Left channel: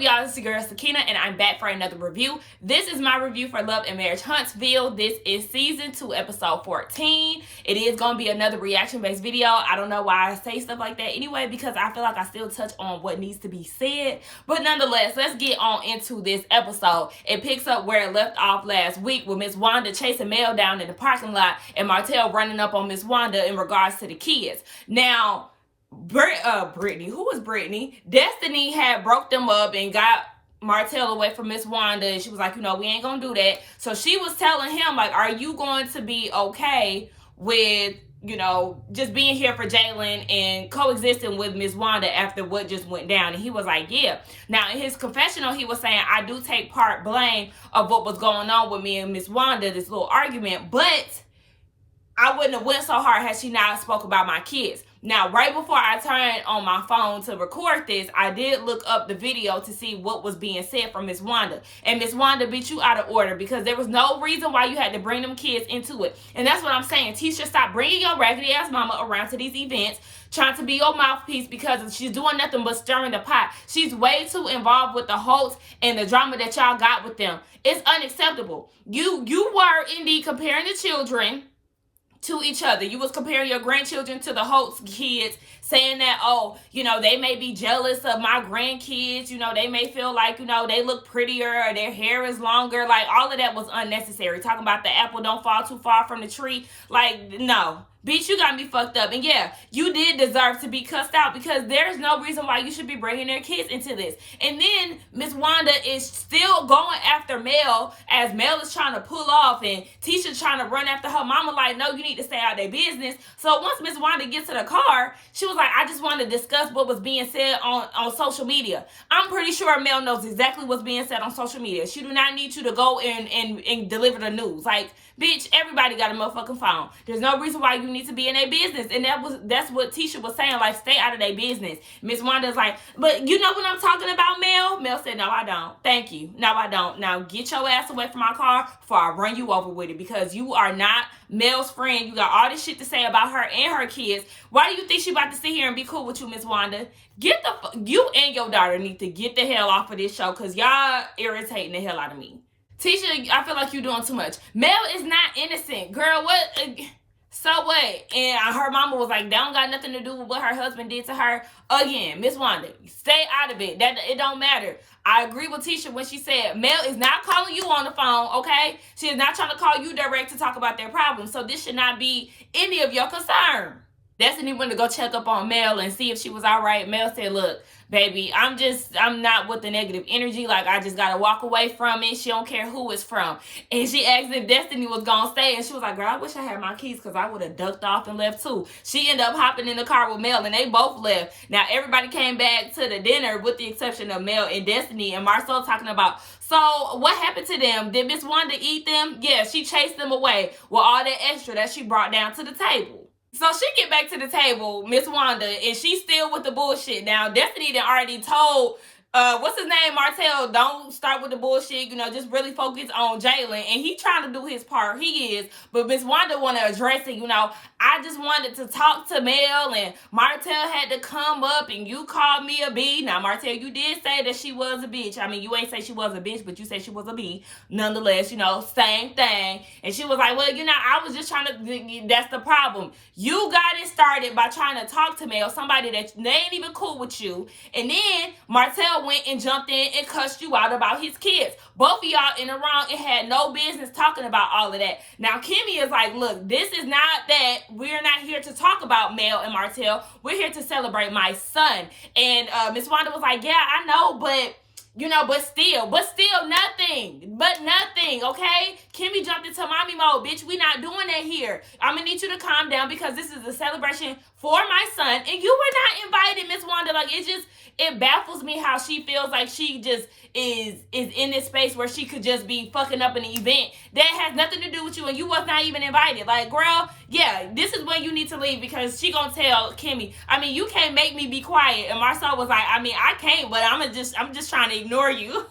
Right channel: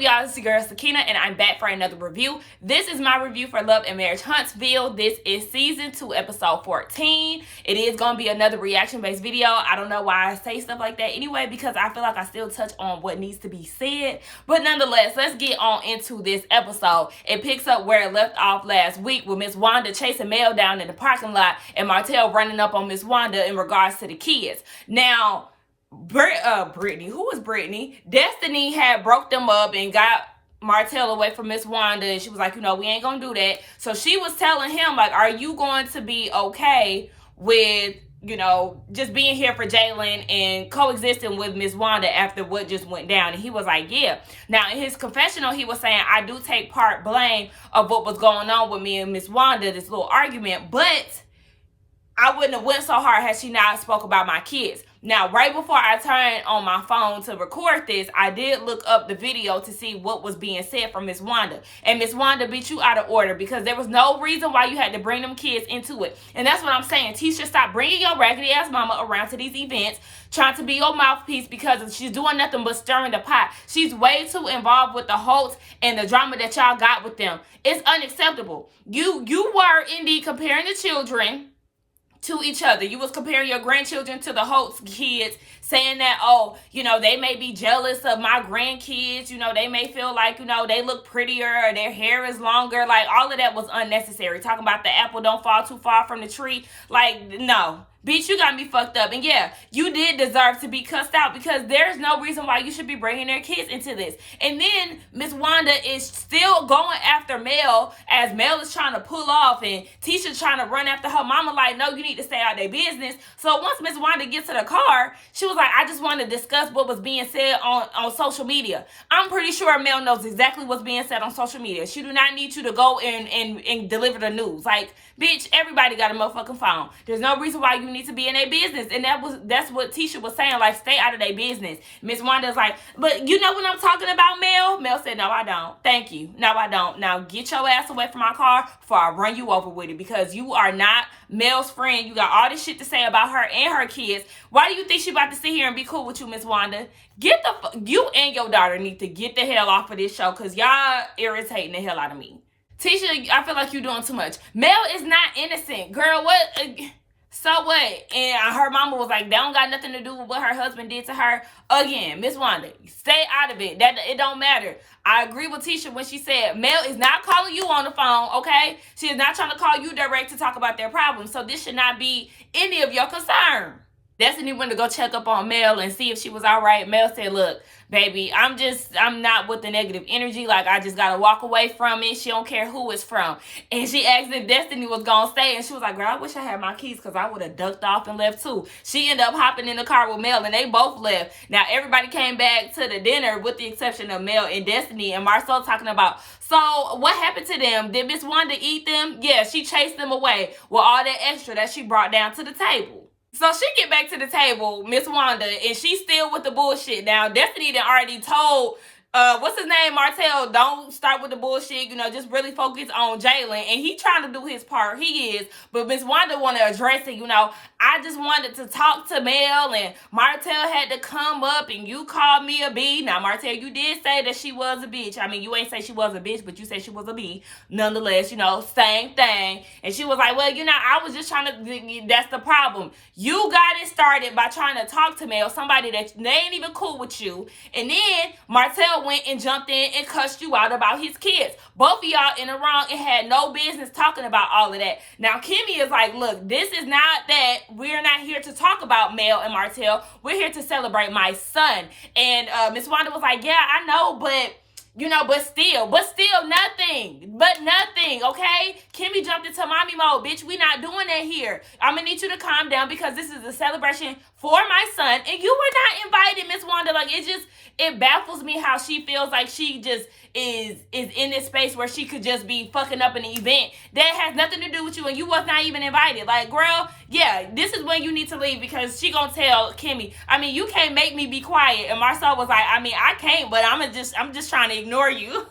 up, y'all? It's your girl Sakina, and I'm back for another review. This is my review for Love and Marriage Huntsville. This is season 2, episode 14. It is going to be another reaction-based video. I don't know why I say stuff like that anyway, because I feel like I still touch on what needs to be said. But nonetheless, let's get on into this episode. It picks up where it left off last week with Miss Wanda chasing Mel down in the parking lot and Martel running up on Miss Wanda in regards to the kids. Now, Brittany, who was Brittany? Destiny had broke them up and got Martel away from Miss Wanda, and she was like, you know, we ain't gonna do that. So she was telling him, like, are you going to be okay with, you know, just being here for Jalen and coexisting with Miss Wanda after what just went down? And he was like, yeah. Now, in his confessional, he was saying, I do take part blame of what was going on with me and Miss Wanda, this little argument, but I wouldn't have went so hard had she not spoke about my kids. Now, right before I turned on my phone to record this, I did look up the video to see what was being said from Miss Wanda. And Miss Wanda beat you out of order because there was no reason why you had to bring them kids into it. And that's what I'm saying. Tisha, stop bringing your raggedy-ass mama around to these events, trying to be your mouthpiece, because she's doing nothing but stirring the pot. She's way too involved with the Holtz and the drama that y'all got with them. It's unacceptable. You were indeed comparing the children to each other. You was comparing your grandchildren to the Holtz kids, saying that, oh, you know, they may be jealous of my grandkids. You know, they may feel like, you know, they look prettier or their hair is longer. Like, all of that was unnecessary. Talking about the apple don't fall too far from the tree. Like, no. Bitch, you got me fucked up. And yeah, you did deserve to be cussed out, because there's no reason why you should be bringing their kids into this. And then Miss Wanda is still going after Mel as Mel is trying to pull off, and Tisha's trying to run after her mama like, no, you need to stay out of their business. So once Miss Wanda gets to the car, she was like, I just want to discuss what was being said on social media. I'm pretty sure Mel knows exactly what's being said on social media. She do not need you to go and deliver the news. Like, bitch, everybody got a motherfucking phone. There's no reason why you need to be in their business. And that's what Tisha was saying, like, stay out of their business. Miss Wanda's like, but you know what I'm talking about, Mel? Mel said, no, I don't. Thank you. No, I don't. Now get your ass away from my car before I run you over with it, because you are not Mel's friend. You got all this shit to say about her and her kids. Why do you think she about to sit here and be cool with you, Miss Wanda? You and your daughter need to get the hell off of this show, because y'all irritating the hell out of me. Tisha, I feel like you're doing too much. Mel is not innocent. Girl, what? So what? And her mama was like, that don't got nothing to do with what her husband did to her. Again, Miss Wanda, stay out of it. It don't matter. I agree with Tisha when she said, Mel is not calling you on the phone, okay? She is not trying to call you direct to talk about their problems. So this should not be any of your concern. Destiny went to go check up on Mel and see if she was all right. Mel said, look, baby, I'm not with the negative energy. Like, I just got to walk away from it. She don't care who it's from. And she asked if Destiny was going to stay. And she was like, girl, I wish I had my keys, because I would have ducked off and left too. She ended up hopping in the car with Mel, and they both left. Now, everybody came back to the dinner with the exception of Mel and Destiny, and Marcel talking about, so what happened to them? Did Miss Wanda eat them? Yeah, she chased them away with all that extra that she brought down to the table. So she get back to the table, Miss Wanda, and she's still with the bullshit. Now, Destiny done already told, what's his name, Martel, don't start with the bullshit, you know, just really focus on Jalen. And he trying to do his part, he is. But Miss Wanda want to address it, you know. I just wanted to talk to Mel, and Martel had to come up, and you called me a B. Now, Martel, you did say that she was a bitch. I mean, you ain't say she was a bitch, but you said she was a B. Nonetheless, you know, same thing. And she was like, well, you know, I was just trying to, that's the problem. You got it started by trying to talk to Mel, somebody that they ain't even cool with you. And then Martel went and jumped in and cussed you out about his kids. Both of y'all in the wrong and had no business talking about all of that. Now, Kimmy is like, look, this is not that. We're not here to talk about Mel and Martel. We're here to celebrate my son. And Miss Wanda was like, yeah, I know, but, you know, but still nothing. But nothing, okay? Kimmy jumped into mommy mode. Bitch, we not doing that here. I'm going to need you to calm down, because this is a celebration for my son. And you were not invited, Miss Wanda. Like, it baffles me how she feels like she just is in this space where she could just be fucking up an event that has nothing to do with you, and you was not even invited. Like, girl, yeah, this is when you need to leave, because she gonna tell Kimmy, I mean, you can't make me be quiet. And Marcel was like, I mean, I can't, but I'm just trying to ignore you.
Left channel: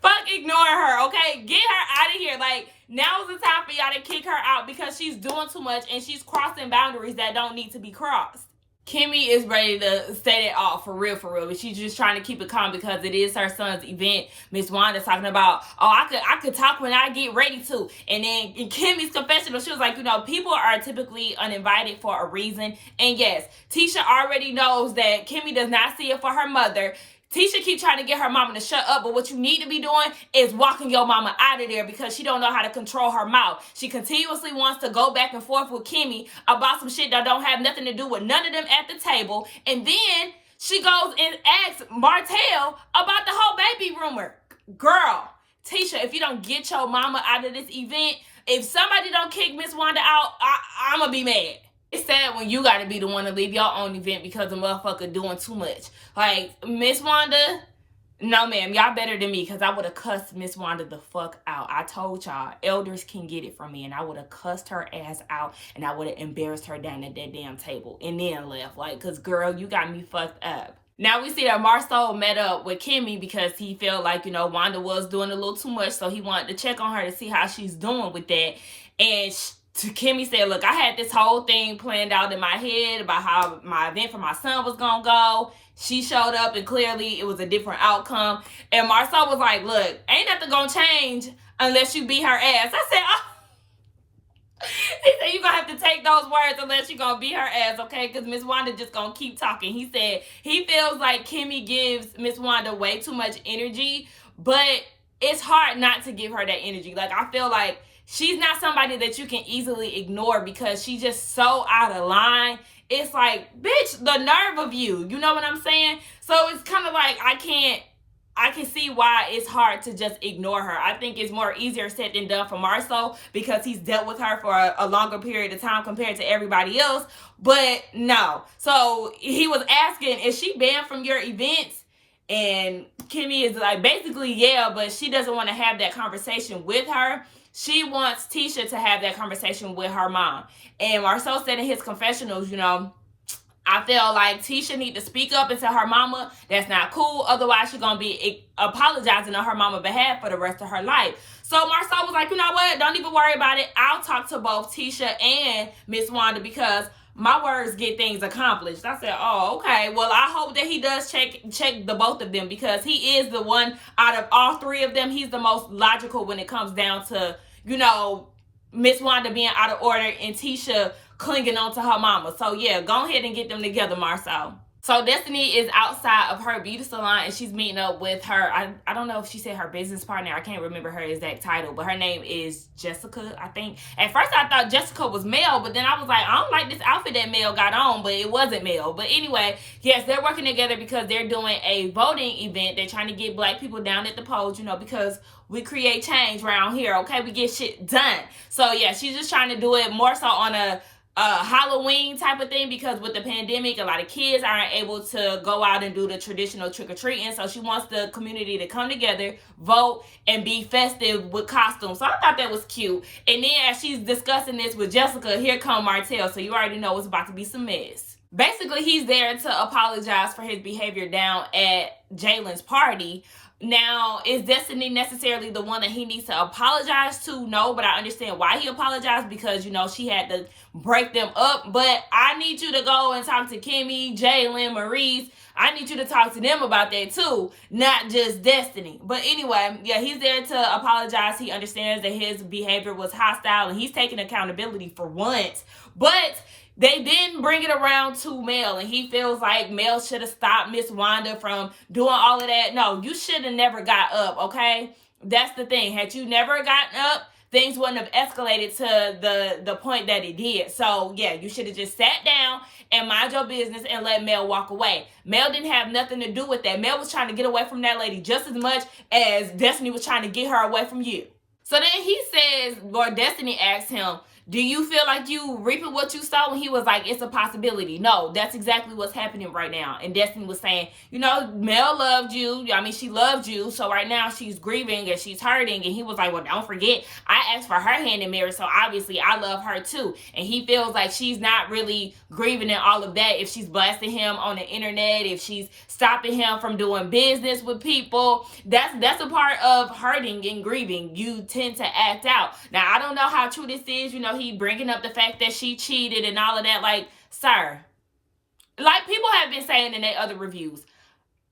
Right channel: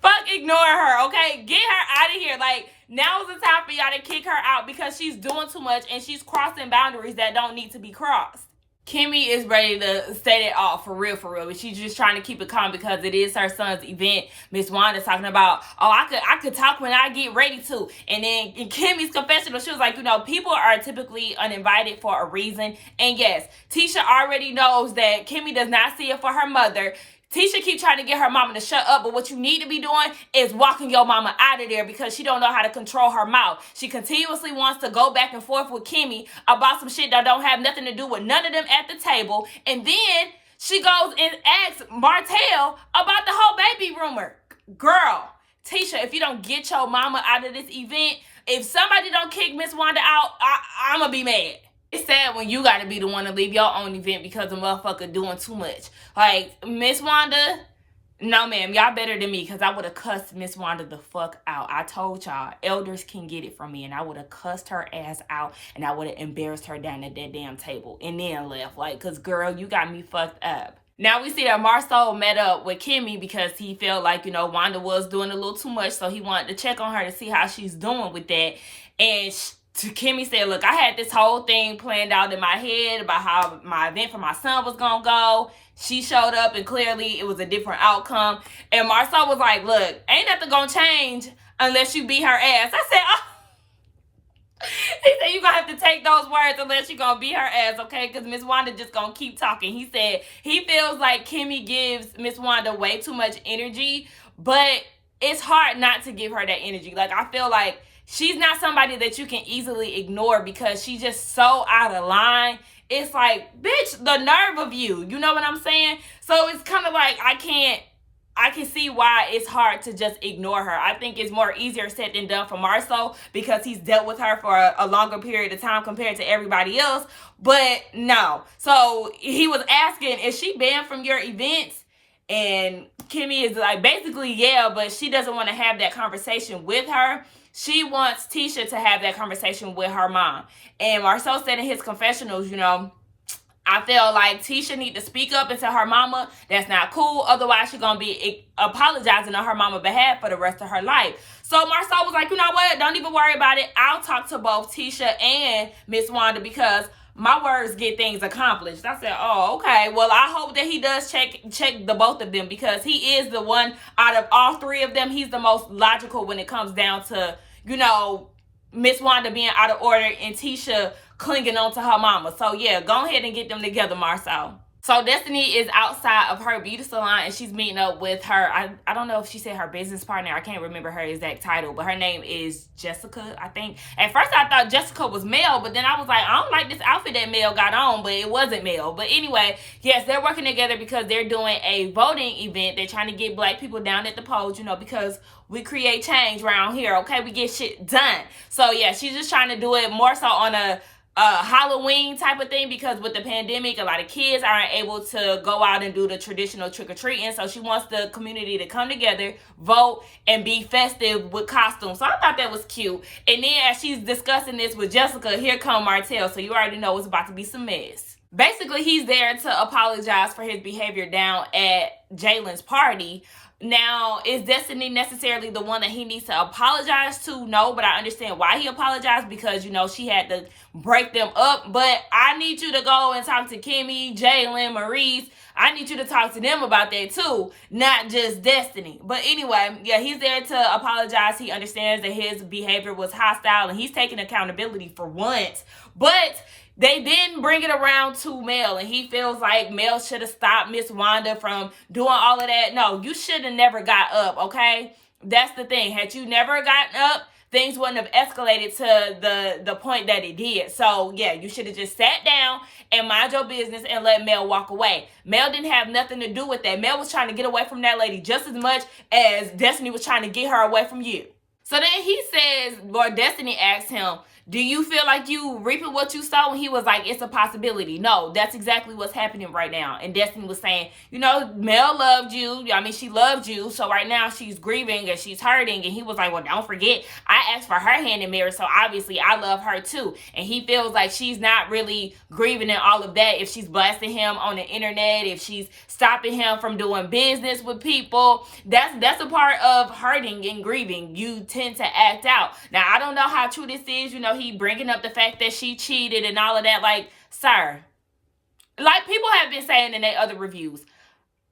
Fuck, ignore her, okay? Get her out of here. Like, now is the time for y'all to kick her out, because she's doing too much and she's crossing boundaries that don't need to be crossed. Kimmy is ready to set it off for real, but she's just trying to keep it calm because it is her son's event. Miss Wanda's talking about, oh, I could talk when I get ready to. And then in Kimmy's confessional, she was like, people are typically uninvited for a reason. And yes, Tisha already knows that Kimmy does not see it for her mother. Tisha keep trying to get her mama to shut up, but what you need to be doing is walking your mama out of there because she don't know how to control her mouth. She continuously wants to go back and forth with Kimmy about some shit that don't have nothing to do with none of them at the table. And then she goes and asks Martel about the whole baby rumor. Girl, Tisha, if you don't get your mama out of this event, if somebody don't kick Miss Wanda out, I'm going to be mad. It's sad when you gotta be the one to leave your own event because the motherfucker doing too much. Like, Miss Wanda, no ma'am, y'all better than me because I would have cussed Miss Wanda the fuck out. I told y'all, elders can get it from me, and I would have cussed her ass out, and I would have embarrassed her down at that damn table and then left. Like, cause girl, you got me fucked up. Now we see that Marcel met up with Kimmy because he felt like, Wanda was doing a little too much, so he wanted to check on her to see how she's doing with that. And Kimmy said, look, I had this whole thing planned out in my head about how my event for my son was going to go. She showed up and clearly it was a different outcome. And Marcel was like, look, ain't nothing going to change unless you beat her ass. I said, oh. He said, you're going to have to take those words unless you're going to beat her ass, okay? Because Miss Wanda just going to keep talking. He said he feels like Kimmy gives Miss Wanda way too much energy, but it's hard not to give her that energy. Like, I feel like she's not somebody that you can easily ignore because she's just so out of line. It's like, bitch, the nerve of you. You know what I'm saying? So it's kind of like I can see why it's hard to just ignore her. I think it's more easier said than done for Marcel because he's dealt with her for a longer period of time compared to everybody else. But no. So he was asking, is she banned from your events? And Kimmy is like, basically, yeah, but she doesn't want to have that conversation with her. She wants Tisha to have that conversation with her mom. And Marcel said in his confessionals, I feel like Tisha need to speak up and tell her mama that's not cool. Otherwise, she's going to be apologizing on her mama's behalf for the rest of her life. So Marcel was like, you know what? Don't even worry about it. I'll talk to both Tisha and Miss Wanda because my words get things accomplished. I said, oh, okay. Well, I hope that he does check the both of them because he is the one out of all three of them. He's the most logical when it comes down to, Miss Wanda being out of order and Tisha clinging on to her mama. So, yeah, go ahead and get them together, Marcel. So, Destiny is outside of her beauty salon and she's meeting up with her. I don't know if she said her business partner. I can't remember her exact title, but her name is Jessica, I think. At first, I thought Jessica was Mel, but then I was like, I don't like this outfit that Mel got on, but it wasn't Mel. But anyway, yes, they're working together because they're doing a voting event. They're trying to get black people down at the polls, because we create change around here, okay? We get shit done. So, yeah, she's just trying to do it more so on a Halloween type of thing because with the pandemic, a lot of kids aren't able to go out and do the traditional trick-or-treating. So she wants the community to come together, vote, and be festive with costumes. So I thought that was cute. And then as she's discussing this with Jessica, here come Martel. So you already know it's about to be some mess. Basically, he's there to apologize for his behavior down at Jalen's party. Now, is Destiny necessarily the one that he needs to apologize to? No, but I understand why he apologized because, she had to break them up. But I need you to go and talk to Kimmy, Jalen, Maurice. I need you to talk to them about that too, not just Destiny. But anyway, yeah, he's there to apologize. He understands that his behavior was hostile and he's taking accountability for once. But they didn't bring it around to Mel, and he feels like Mel should have stopped Miss Wanda from doing all of that. No, you should have never got up, okay? That's the thing. Had you never gotten up, things wouldn't have escalated to the point that it did. So, yeah, you should have just sat down and mind your business and let Mel walk away. Mel didn't have nothing to do with that. Mel was trying to get away from that lady just as much as Destiny was trying to get her away from you. So then he says, or Destiny asks him, do you feel like you reaping what you sow? And he was like, it's a possibility. No, that's exactly what's happening right now. And Destiny was saying, Mel loved you. I mean, she loved you. So right now she's grieving and she's hurting. And he was like, well, don't forget, I asked for her hand in marriage. So obviously I love her too. And he feels like she's not really grieving and all of that. If she's blasting him on the internet, if she's stopping him from doing business with people, that's a part of hurting and grieving. You tend to act out. Now, I don't know how true this is. He bringing up the fact that she cheated and all of that. Like, sir, Like people have been saying in their other reviews.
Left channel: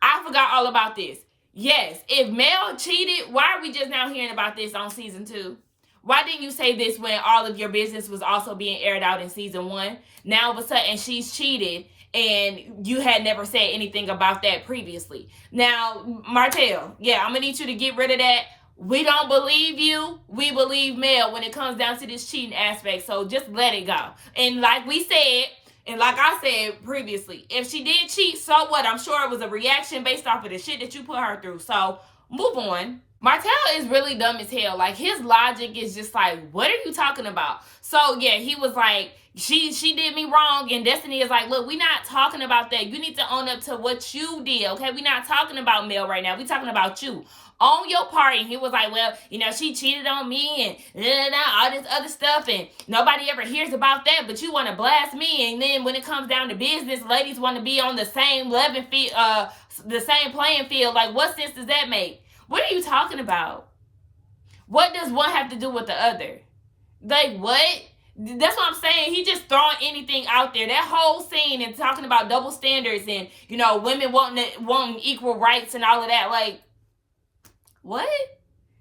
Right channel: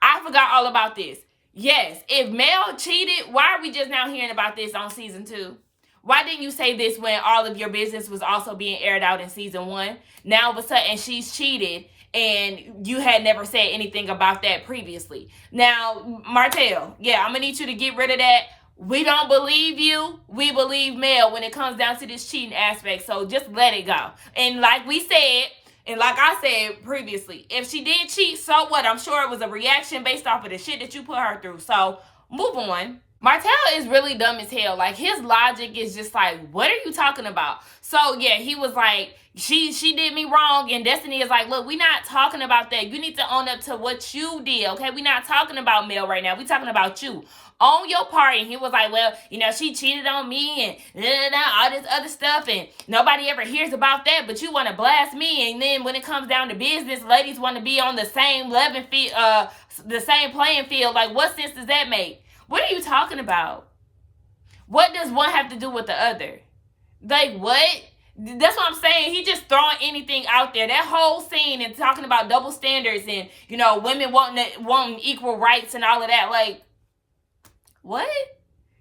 I forgot all about this. Yes, if Mel cheated, why are we just now hearing about this on season 2? Why didn't you say this when all of your business was also being aired out in season 1? Now all of a sudden she's cheated and you had never said anything about that previously. Now, Martel, yeah, I'm going to need you to get rid of that. We don't believe you. We believe Mel when it comes down to this cheating aspect. So just let it go. And like we said, and like I said previously, if she did cheat, so what? I'm sure it was a reaction based off of the shit that you put her through. So move on. Martel is really dumb as hell. Like, his logic is just like, what are you talking about? So yeah, he was like, she did me wrong, and Destiny is like, look, we're not talking about that. You need to own up to what you did, okay? We're not talking about Mel right now. We're talking about you. Own your part. And he was like, well, you know, she cheated on me and all this other stuff, and nobody ever hears about that, but you want to blast me. And then when it comes down to business, ladies want to be on the same the same playing field. Like, what sense does that make? What are you talking about? What does one have to do with the other? Like, what? That's what I'm saying. He just throwing anything out there. That whole scene and talking about double standards and, you know, women wanting equal rights and all of that. Like, what?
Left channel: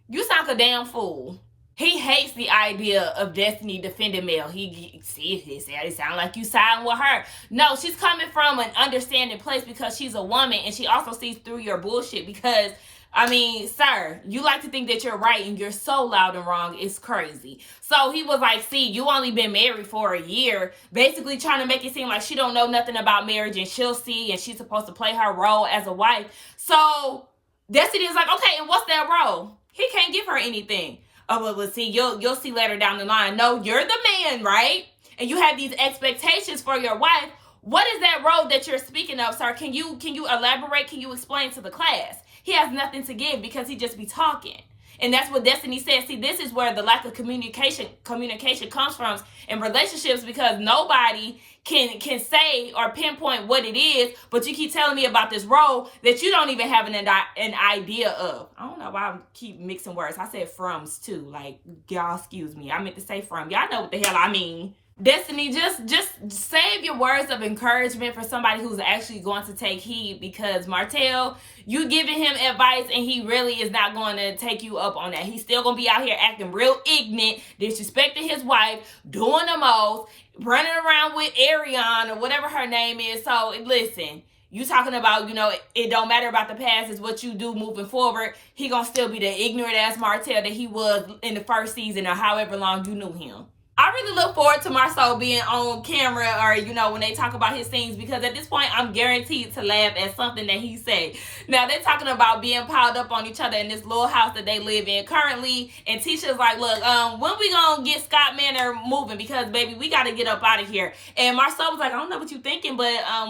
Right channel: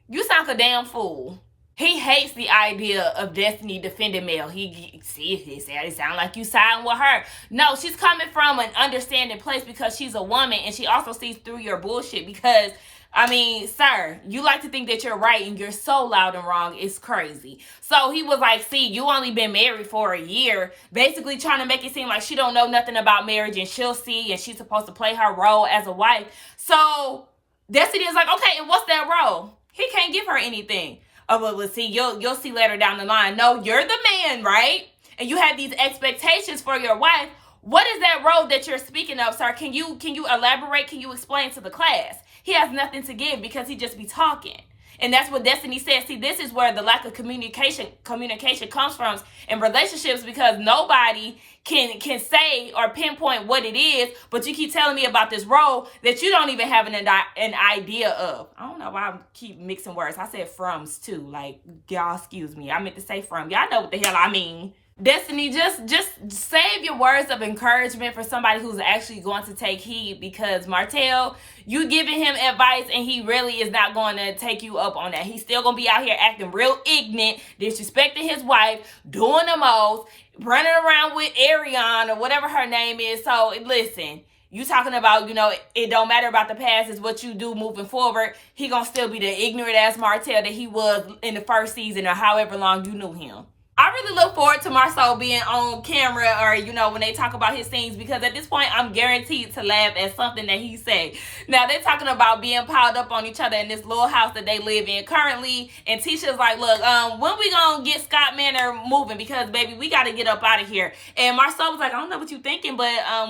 You sound like a damn fool. He hates the idea of Destiny defending Mel. It sounds like you siding with her. No, she's coming from an understanding place because she's a woman, and she also sees through your bullshit because, I mean, sir, you like to think that you're right and you're so loud and wrong. It's crazy. So he was like, see, you only been married for a year, basically trying to make it seem like she don't know nothing about marriage and she'll see and she's supposed to play her role as a wife. So Destiny is like, okay, and what's that role? He can't give her anything. Oh, well, let's see, you'll see later down the line. No, you're the man, right? And you have these expectations for your wife. What is that role that you're speaking of, sir? Can you elaborate? Can you explain to the class? He has nothing to give because he just be talking. And that's what Destiny says. See, this is where the lack of communication comes from in relationships, because nobody can say or pinpoint what it is, but you keep telling me about this role that you don't even have an idea of. I don't know why I keep mixing words. I said froms too. Like, y'all excuse me. I meant to say from. Y'all know what the hell I mean. Destiny, just save your words of encouragement for somebody who's actually going to take heed, because Martel, you giving him advice and he really is not going to take you up on that. He's still going to be out here acting real ignorant, disrespecting his wife, doing the most, running around with Ariane or whatever her name is. So listen, you talking about, you know, it don't matter about the past, it's what you do moving forward. He going to still be the ignorant ass Martel that he was in the first season or however long you knew him. I really look forward to Marcel being on camera, or, you know, when they talk about his scenes, because at this point, I'm guaranteed to laugh at something that he say. Now, they're talking about being piled up on each other in this little house that they live in currently, and Tisha's like, look, when we gonna get Scott Manor moving? Because, baby, we gotta get up out of here. And Marcel was like, I don't know what you're thinking, but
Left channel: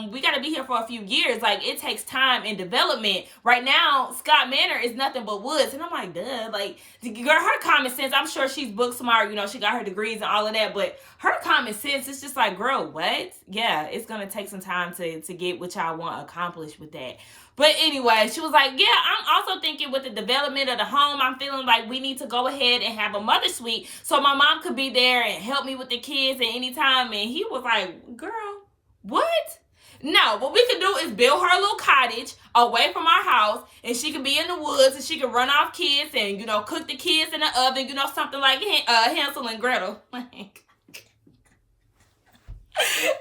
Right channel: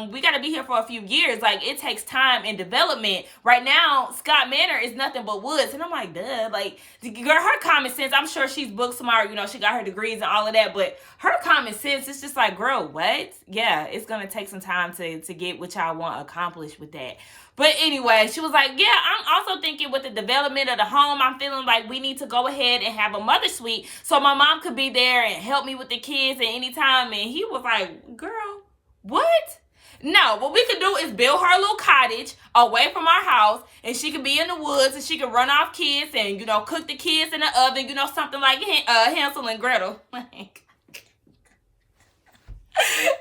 we gotta be here for a few years. Like, it takes time and development. Right now, Scott Manor is nothing but woods. And I'm like, duh, like, girl, her common sense, I'm sure she's book smart, you know, she got her degrees and all of that, but her common sense is just like, girl, what? Yeah, it's gonna take some time to get what y'all want accomplished with that. But anyway, she was like, yeah, I'm also thinking with the development of the home, I'm feeling like we need to go ahead and have a mother suite so my mom could be there and help me with the kids at any time. And he was like, girl, what? No, what we could do is build her a little cottage away from our house, and she could be in the woods, and she could run off kids and, you know, cook the kids in the oven, you know, something like Hansel and Gretel.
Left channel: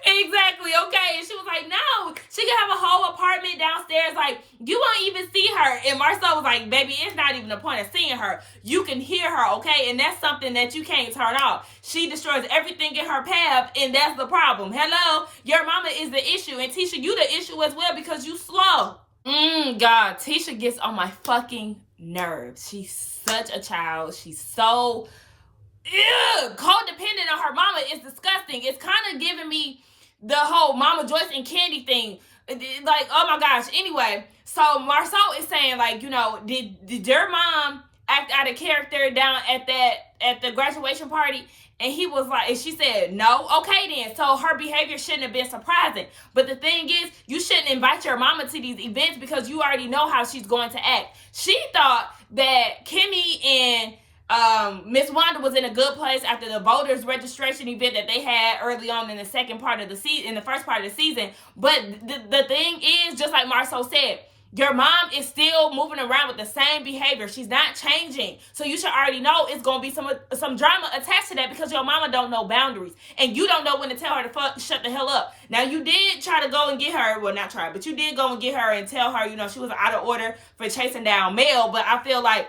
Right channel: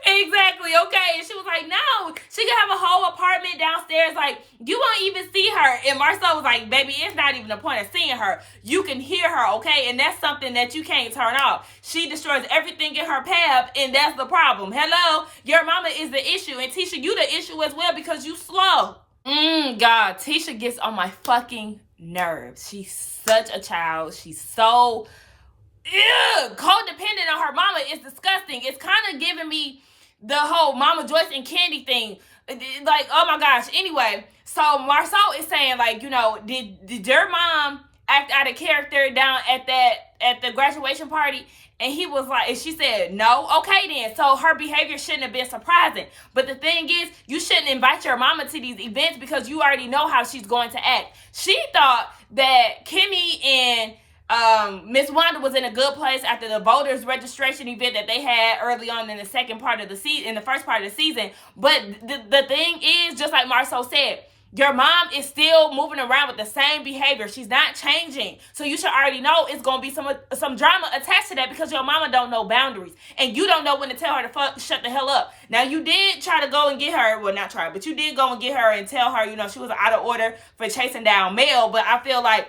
Exactly, okay. And she was like, no, she could have a whole apartment downstairs. Like, you won't even see her. And Marcel was like, baby, it's not even the point of seeing her. You can hear her, okay? And that's something that you can't turn off. She destroys everything in her path, and that's the problem. Hello? Your mama is the issue. And Tisha, you the issue as well because you slow. God, Tisha gets on my fucking nerves. She's such a child. She's so codependent on her mama. Is disgusting. It's kind of giving me the whole Mama Joyce and Candy thing. Like, oh my gosh. Anyway, so Marcel is saying, like, you know, did your mom act out of character down at the graduation party? And he was like, and she said, no. Okay, then. So her behavior shouldn't have been surprising. But the thing is, you shouldn't invite your mama to these events because you already know how she's going to act. She thought that Kimmy and Miss Wanda was in a good place after the voters registration event that they had early on in the second part of the season, in the first part of the season. But the thing is, just like Marcel said, your mom is still moving around with the same behavior. She's not changing. So you should already know it's going to be some drama attached to that, because your mama don't know boundaries. And you don't know when to tell her to shut the hell up. Now, you did try to go and get her. Well, not try, but you did go and get her and tell her, she was out of order for chasing down Mel. But I feel like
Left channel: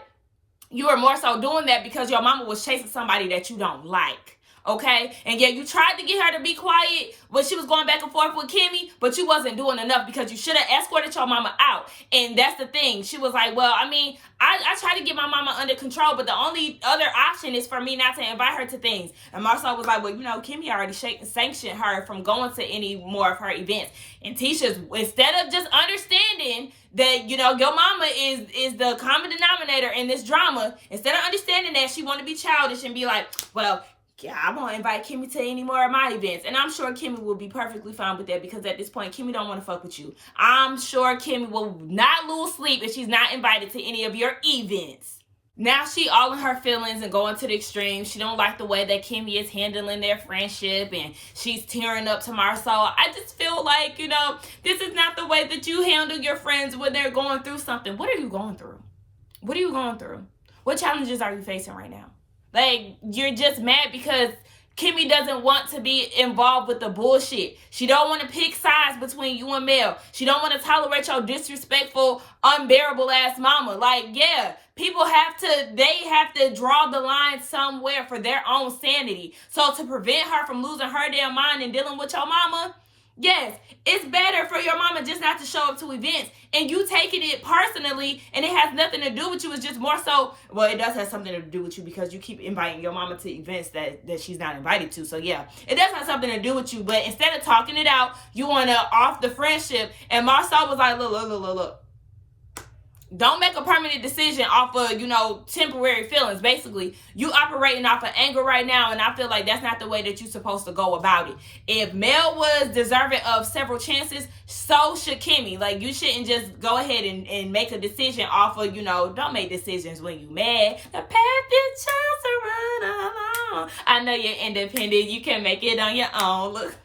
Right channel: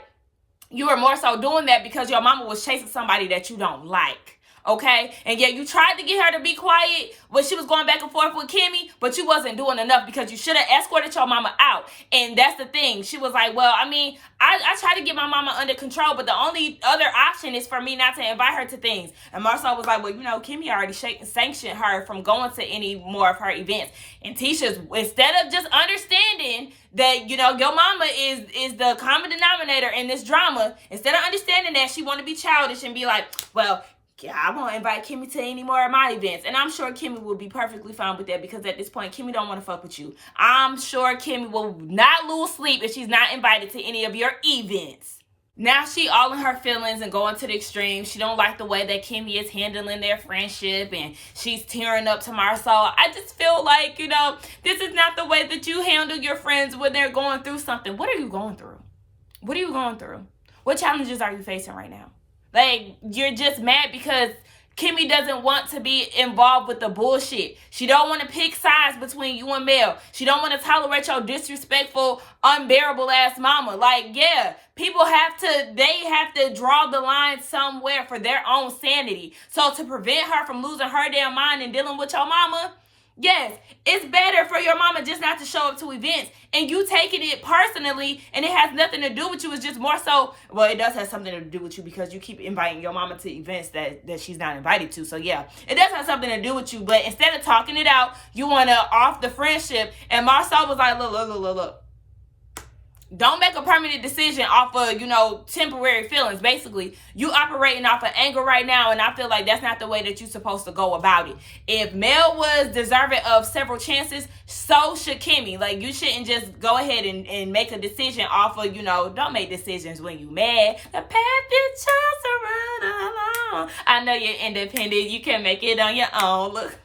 you were more so doing that because your mama was chasing somebody that you don't like. Okay? And yeah, you tried to get her to be quiet when she was going back and forth with Kimmy, but you wasn't doing enough, because you should have escorted your mama out. And that's the thing. She was like, well, I tried to get my mama under control, but the only other option is for me not to invite her to things. And Marcel was like, well, Kimmy already sanctioned her from going to any more of her events. And Tisha's, instead of just understanding that, your mama is the common denominator in this drama, instead of understanding that, she want to be childish and be like, well, yeah, I won't invite Kimmy to any more of my events. And I'm sure Kimmy will be perfectly fine with that, because at this point, Kimmy don't want to fuck with you. I'm sure Kimmy will not lose sleep if she's not invited to any of your events. Now she all in her feelings and going to the extreme. She don't like the way that Kimmy is handling their friendship, and she's tearing up to Marcel. I just feel like, this is not the way that you handle your friends when they're going through something. What are you going through? What are you going through? What challenges are you facing right now? Like, you're just mad because Kimmy doesn't want to be involved with the bullshit. She don't want to pick sides between you and Mel. She don't want to tolerate your disrespectful, unbearable ass mama. Like, yeah, people have to draw the line somewhere for their own sanity. So to prevent her from losing her damn mind and dealing with your mama, yes, it's better for your mama just not to show up to events, and you taking it personally, and it has nothing to do with you. It's just more so, well, it does have something to do with you, because you keep inviting your mama to events that she's not invited to. So yeah, it does have something to do with you. But instead of talking it out, you want to off the friendship. And Marcel was like, look. Don't make a permanent decision off of, temporary feelings. Basically, you operating off of anger right now, and I feel like that's not the way that you're supposed to go about it. If Mel was deserving of several chances, so should Kimmy. Like, you shouldn't just go ahead and make a decision off of, don't make decisions when you mad. The path you chose to run alone. I know you're independent. You can make it on your own. Look.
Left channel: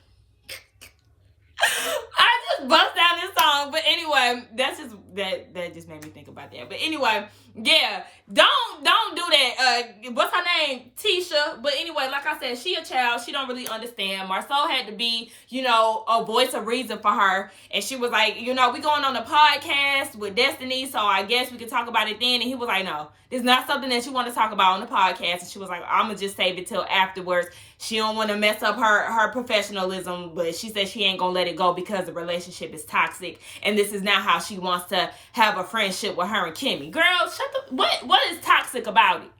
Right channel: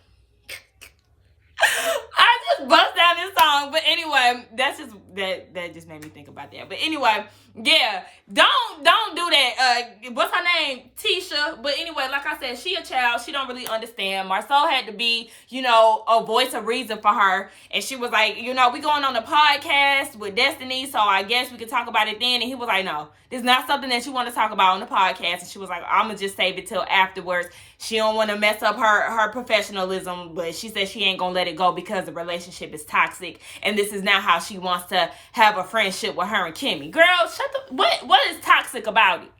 I just bust down this song, but anyway, that just made me think about that. But anyway, yeah, don't do that. What's her name? Tisha. But anyway, like I said, she a child. She don't really understand. Marcel had to be, a voice of reason for her, and she was like, we going on a podcast with Destiny, so I guess we could talk about it then. And he was like, no, this is not something that you want to talk about on the podcast. And she was like, I'm gonna just save it till afterwards. She don't want to mess up her professionalism, but she said she ain't going to let it go because the relationship is toxic, and this is not how she wants to have a friendship with her and Kimmy. Girl, what is toxic about it?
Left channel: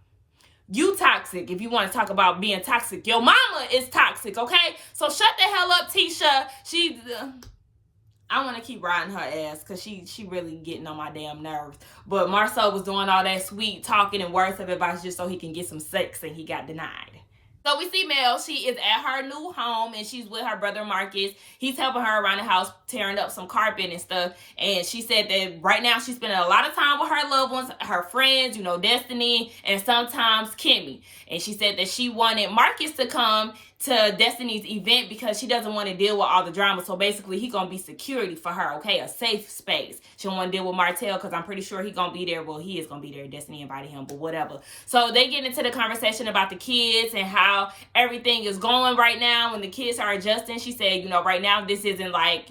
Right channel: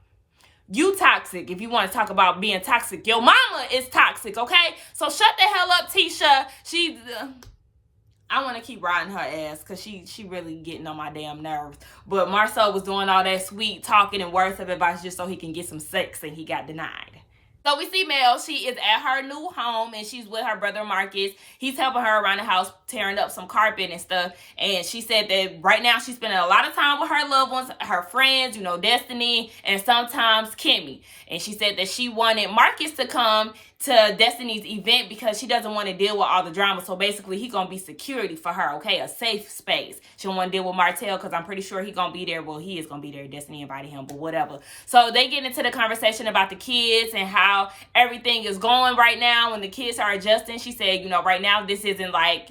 You toxic if you want to talk about being toxic. Your mama is toxic, okay? So shut the hell up, Tisha. I want to keep riding her ass because she really getting on my damn nerves. But Marcel was doing all that sweet talking and words of advice just so he can get some sex, and he got denied. So we see Mel. She is at her new home, and she's with her brother Marcus. He's helping her around the house, tearing up some carpet and stuff. And she said that right now she's spending a lot of time with her loved ones, her friends, Destiny, and sometimes Kimmy. And she said that she wanted Marcus to come to Destiny's event because she doesn't want to deal with all the drama. So basically, he gonna be security for her, okay? A safe space. She don't want to deal with Martel because I'm pretty sure he gonna be there. Well, he is gonna be there. Destiny invited him, but whatever. So they get into the conversation about the kids and how everything is going right now and the kids are adjusting. She said, right now this isn't like,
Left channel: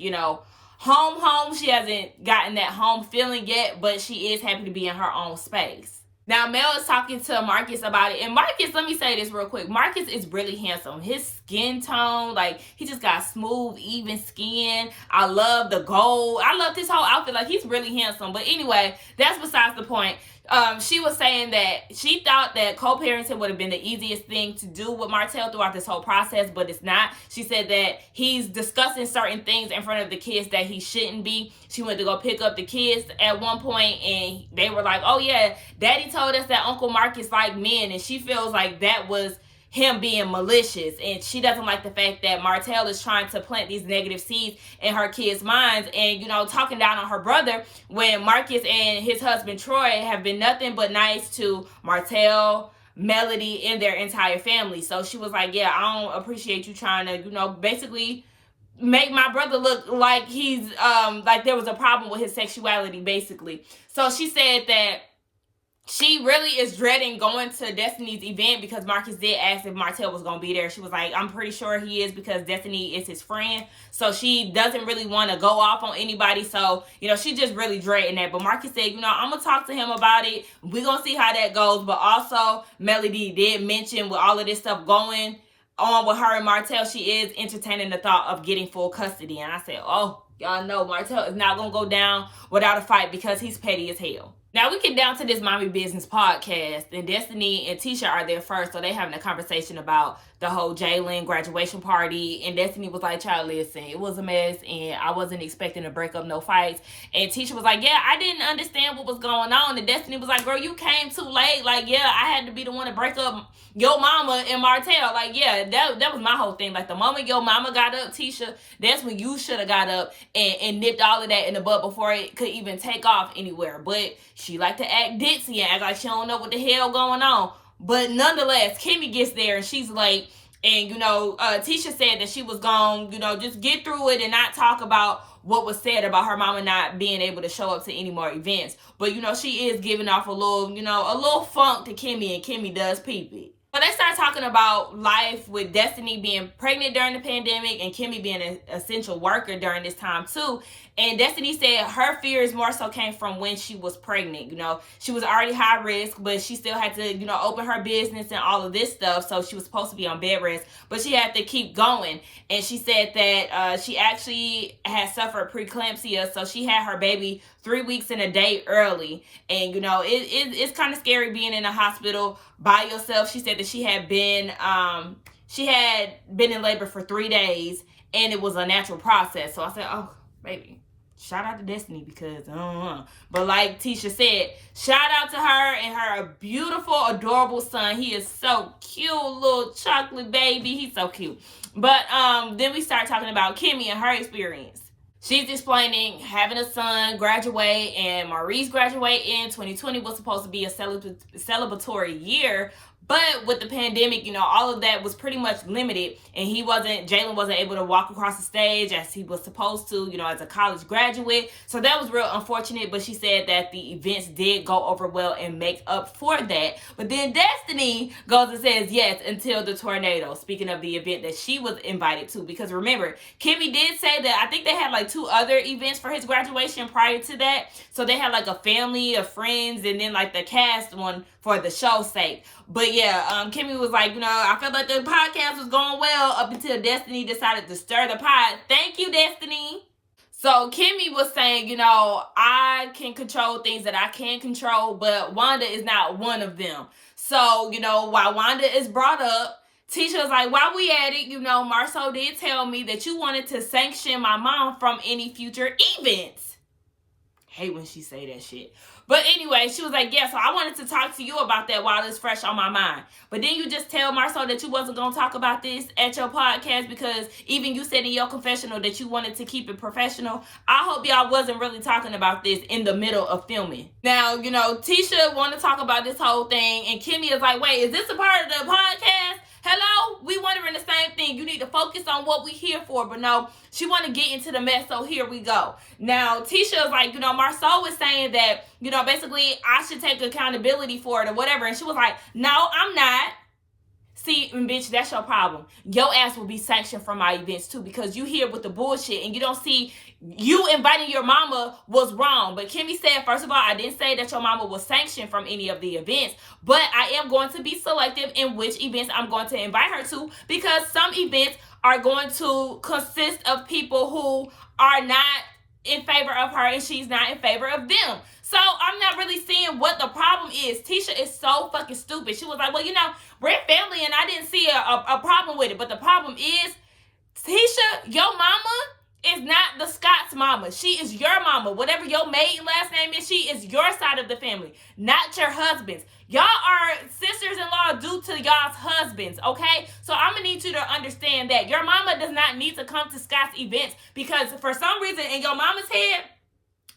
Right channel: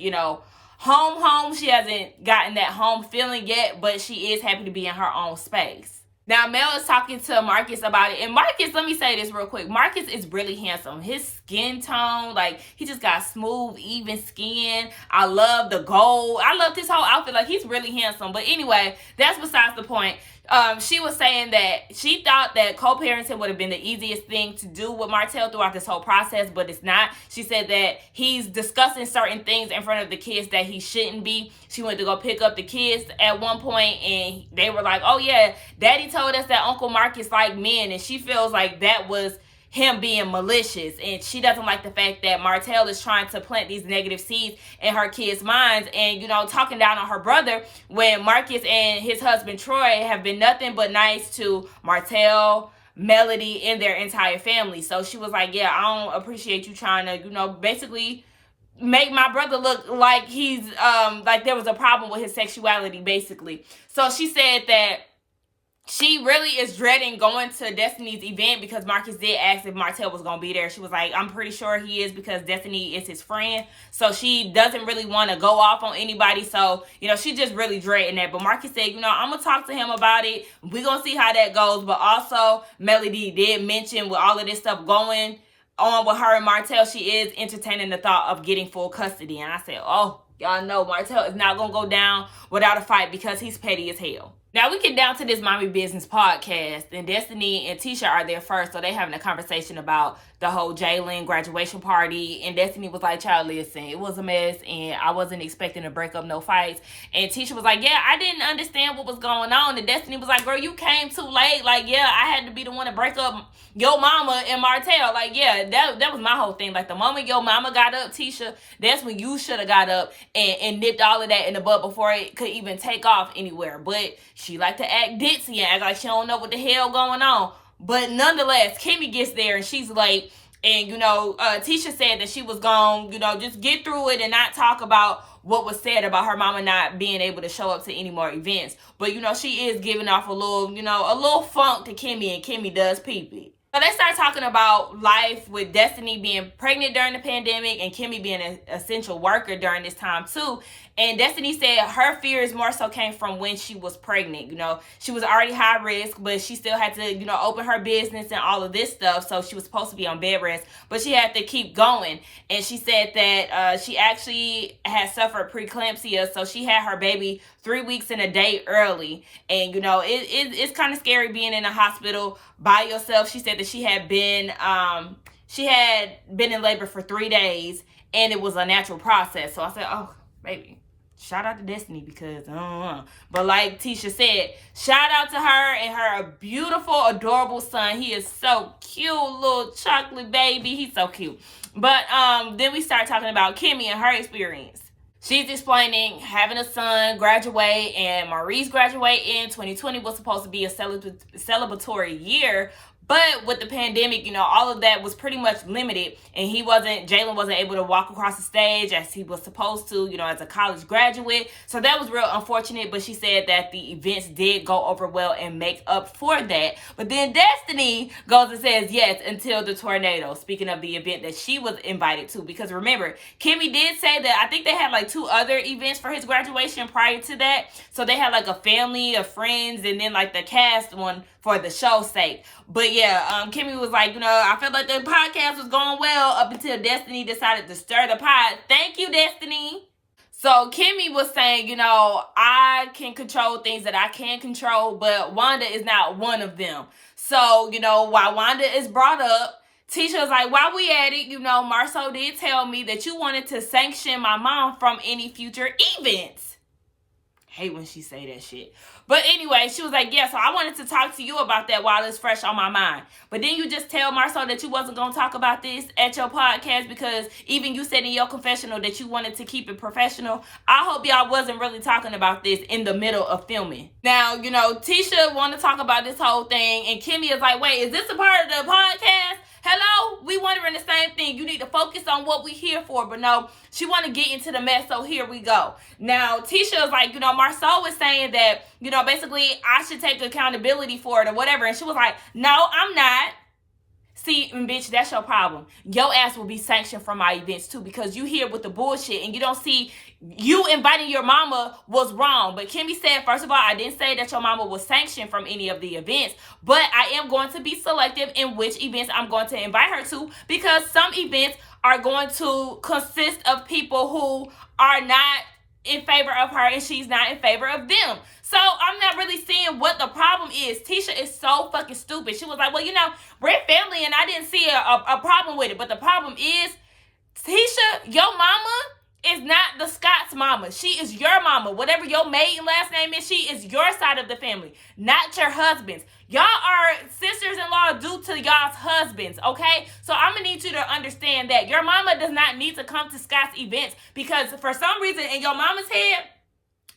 home. She hasn't gotten that home feeling yet, but she is happy to be in her own space. Now, Mel is talking to Marcus about it. And Marcus, let me say this real quick. Marcus is really handsome. His skin tone, he just got smooth, even skin. I love the gold. I love this whole outfit. He's really handsome. But anyway, that's besides the point. She was saying that she thought that co-parenting would have been the easiest thing to do with Martel throughout this whole process, but it's not. She said that he's discussing certain things in front of the kids that he shouldn't be. She went to go pick up the kids at one point, and they were like, oh yeah, Daddy told us that Uncle Marcus liked men, and she feels like that was him being malicious, and she doesn't like the fact that Martel is trying to plant these negative seeds in her kids' minds and, talking down on her brother when Marcus and his husband Troy have been nothing but nice to Martel, Melody and their entire family. So she was like, yeah, I don't appreciate you trying to, basically make my brother look like he's like there was a problem with his sexuality, basically. So she said that she really is dreading going to Destiny's event because Marcus did ask if Martel was going to be there. She was like, I'm pretty sure he is because Destiny is his friend. So she doesn't really want to go off on anybody. So, she just really dreading that. But Marcus said, I'm going to talk to him about it. We're going to see how that goes. But also, Melody did mention with all of this stuff going on with her and Martel, she is entertaining the thought of getting full custody. And I said, oh, y'all know Martel is not going to go down without a fight because he's petty as hell. Now we get down to this Mommy Business podcast, and Destiny and Tisha are there first, so they having a conversation about the whole Jalen graduation party, and Destiny was like, child, listen, it was a mess, and I wasn't expecting to break up no fights, and Tisha was like, yeah, I didn't understand what was going on, and Destiny was like, girl, you came too late, like, yeah, I had to be the one to break up your mama and Martel. Like, yeah, that was my whole thing. Like, the moment your mama got up, Tisha, that's when you should have got up and nipped all of that in the bud before it could even take off anywhere. But she like to act ditzy and act like she don't know what the hell going on. But nonetheless, Kimmy gets there and she's late. And, Tisha said that she was going, just get through it and not talk about what was said about her mama not being able to show up to any more events. But, she is giving off a little funk to Kimmy, and Kimmy does peep it. So they start talking about life with Destiny being pregnant during the pandemic and Kimmy being an essential worker during this time too. And Destiny said her fears more so came from when she was pregnant. She was already high risk, but she still had to, open her business and all of this stuff. So she was supposed to be on bed rest, but she had to keep going. And she said that she actually had suffered preeclampsia. So she had her baby 3 weeks and a day early. And, it's kind of scary being in a hospital by yourself. She said that she had been in labor for 3 days and it was a natural process. So I said, oh, baby, shout out to Destiny because I don't know. But like Tisha said, shout out to her and her beautiful, adorable son. He is so cute, little chocolate baby. He's so cute. But then we start talking about Kimmy and her experience. She's explaining having a son graduate, and Maurice graduate in 2020 was supposed to be a celebratory year. But with the pandemic, all of that was pretty much limited, and Jalen wasn't able to walk across the stage as he was supposed to, as a college graduate. So that was real unfortunate, but she said that the events did go over well and make up for that. But then Destiny goes and says yes until the tornado, speaking of the event that she was invited to. Because remember, Kimmy did say that I think they had like 2 other events for his graduation prior to that. So they had like a family of friends and then like the cast one for the show's sake. But yeah, Kimmy was like, I felt like the podcast was going well up until Destiny decided to stir the pot. Thank you, Destiny. So Kimmy was saying, I can control things that I can control, but Wanda is not one of them. So, while Wanda is brought up, Tisha's like, while we at it, Marceau did tell me that you wanted to sanction my mom from any future events. Hate when she say that shit. But anyway, she was like, yeah, so I wanted to talk to you about that while it's fresh on my mind. But then you just tell Marceau that you wasn't going to talk about this at your podcast because even you said in your confessional that you wanted to keep it professional. I hope y'all wasn't really talking about this in the middle of filming. Now, Tisha want to talk about this whole thing, and Kimmy is like, wait, is this a part of the podcast? Hello? We wondering the same thing. You need to focus on what we here for. But no, she want to get into the mess, so here we go. Now, Tisha is like, Marceau was saying that, basically I should take accountability for it or whatever. And she was like, no, I'm not. See, bitch, that's your problem. Your ass will be sanctioned from my events too because you here with the bullshit and you don't see you inviting your mama was wrong. But Kimmy said, first of all, I didn't say that your mama was sanctioned from any of the events, but I am going to be selective in which events I'm going to invite her to because some events are going to consist of people who are not in favor of her and she's not in favor of them. So I'm not really seeing what the problem is. Tisha is so fucking stupid. She was like, well, we're family and I didn't see a problem with it. But the problem is, Tisha, your mama is not the Scott's mama. She is your mama. Whatever your maiden last name is, she is your side of the family, not your husband's. Y'all are sisters-in-law due to y'all's husbands, okay? So I'm going to need you to understand that your mama does not need to come to Scott's events because for some reason in your mama's head,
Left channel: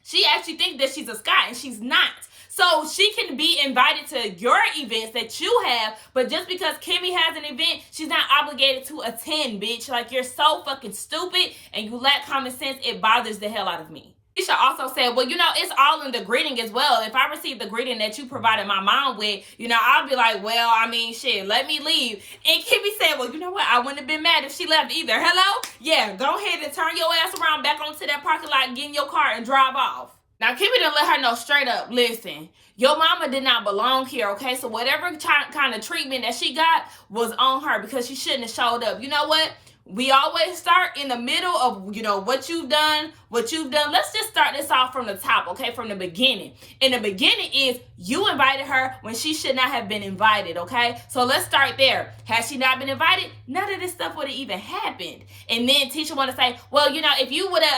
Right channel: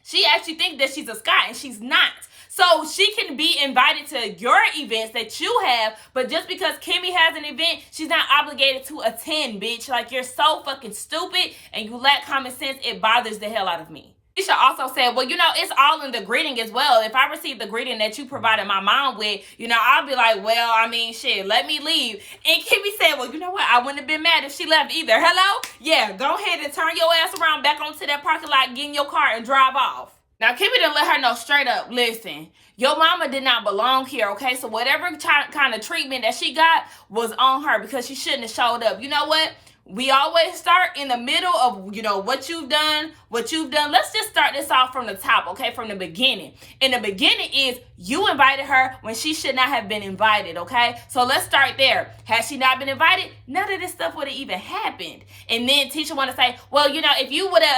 she actually thinks that she's a Scott and she's not. So she can be invited to your events that you have, but just because Kimmy has an event, she's not obligated to attend, bitch. Like, you're so fucking stupid and you lack common sense. It bothers the hell out of me. Tisha also said, well, you know, it's all in the greeting as well. If I receive the greeting that you provided my mom with, you know, I'll be like, well, I mean, shit, let me leave. And Kimmy said, well, you know what? I wouldn't have been mad if she left either. Hello? Yeah, go ahead and turn your ass around back onto that parking lot, get in your car and drive off. Now, Kimmy done let her know straight up, listen, your mama did not belong here, okay? So whatever kind of treatment that she got was on her because she shouldn't have showed up. You know what? We always start in the middle of, you know, what you've done. Let's just start this off from the top, okay? From the beginning. And the beginning is you invited her when she should not have been invited, okay? So let's start there. Had she not been invited, none of this stuff would have even happened. And then Tisha want to say, well, you know, if you wouldn't